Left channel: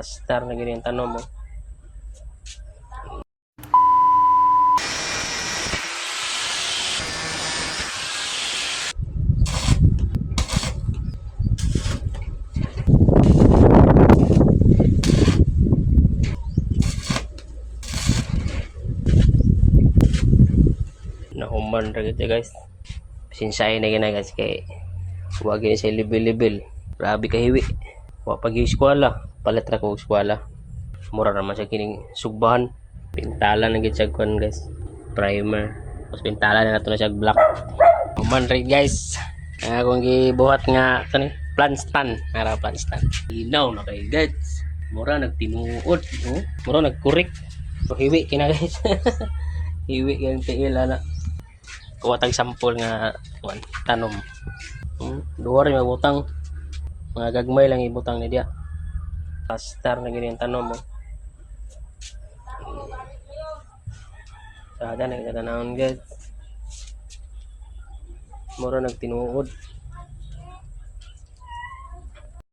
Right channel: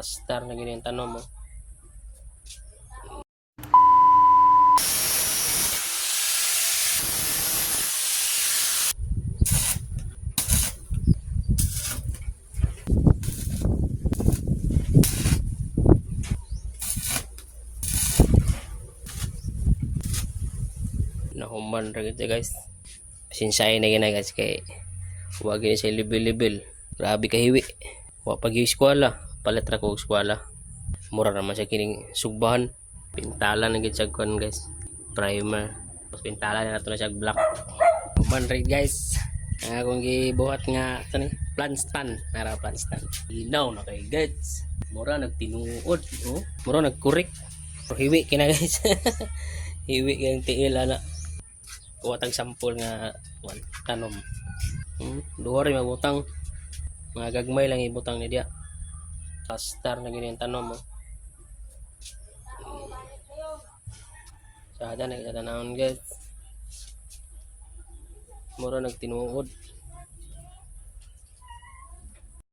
Star na ganyan tanong mo. Nahuman ra kita guys. Sinsay na gina guys kay wag ni sa level-level. Grabe ka hiwi. Wa pag eskwela, palit ra ko eskwela. Mura naman siya kining sugbahan. Pintala na gid siya kon guys. Primer. Tapos pintala na nato na siya black. Human ra guys. Akong gibuhat nga kani plant stand, ara plant stand. Inaw na kay guys. Mura nagtinuod, mura nagkurik. Hiwi kina guys. Hiwi yang tingil ana. Kuwatag sampol nga tanom. Duwa rin mabutang. Mga gagmay lang ibutang ni dia. Star na ganyan tanom mo. Sada na kita tanawon guys. Mura nagtinuod.